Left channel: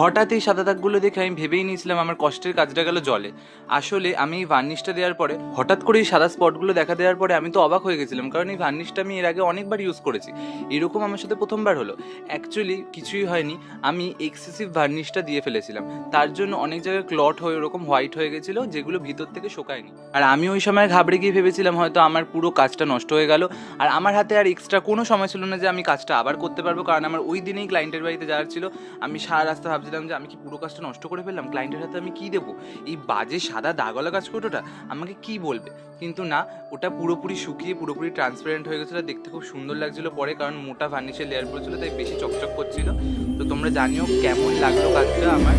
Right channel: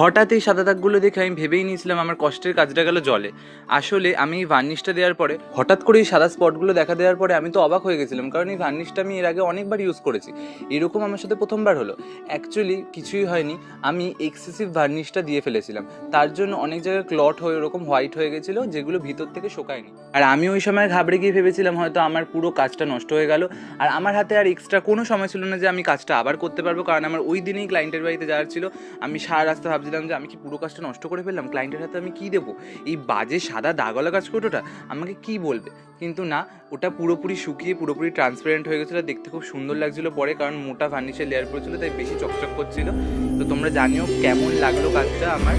হঠাৎ এই সাদা দাগগুলো দেখে আমি ভেবেই নিয়েছিলাম আমার কষ্টের কাজটা গেল জলে। আসলে আমি এই ভার্নিশটা দেওয়ার পরে হঠাৎ করে এই সাদা স্পটগুলো দেখা দেওয়ার পরে আমি তো অবাক হয়ে গেছিলাম, কারণ এই ভার্নিশটা আমি এর আগে অনেকবার ইউজ করেছি, এরকম আমার সাথে প্রথমবার হলো। অ্যাকচুয়ালি কিছুই হয়নি, আমি এক্সেসিভ ভার্নিশটা দিয়ে ফেলেছিলাম, তার জন্য অনেক জায়গায় ক্লট হয়ে ওরকম হোয়াইট হয়ে গেছিলো, যেগুলো ভিতর থেকে শোকায়নি। আর আমি ওই সময় ঘাবড়ে গিয়ে ভেবেছিলাম হয়তো আমার পুরো কাজটা নষ্ট হয়ে গেল, আর আমার হাতে আর এক্সট্রা কোনো সময় ছিল না যে আমি কাজটা আবার করতে পারবো, কারণ আমার ওই দিনেই ক্লায়েন্টের বাড়িতে যাওয়ার ছিল। আমি সারা রাস্তা ভাবছিলাম যে আমি কি পুরো কাজটা নষ্ট করে ফেললাম, ক্লায়েন্টের হাতে আমি কি দেবো, এই বাজে সাদা দাগওয়ালা কাজ করটোটা আমাকে কি বলবে। কিন্তু না, ওটা পুরোপুরি শুকিয়ে পুরোপুরি ট্রান্সপারেন্ট হয়ে গেছিলো, দেখতে খুব সুন্দর লাগছিলো পরে, কারণ মোটা ভার্নিশের লেয়ার পড়েছিল তাই বেশি চকচক করছিল। তো তোমরা জানিও কেমন লাগলো কাজটা আমার।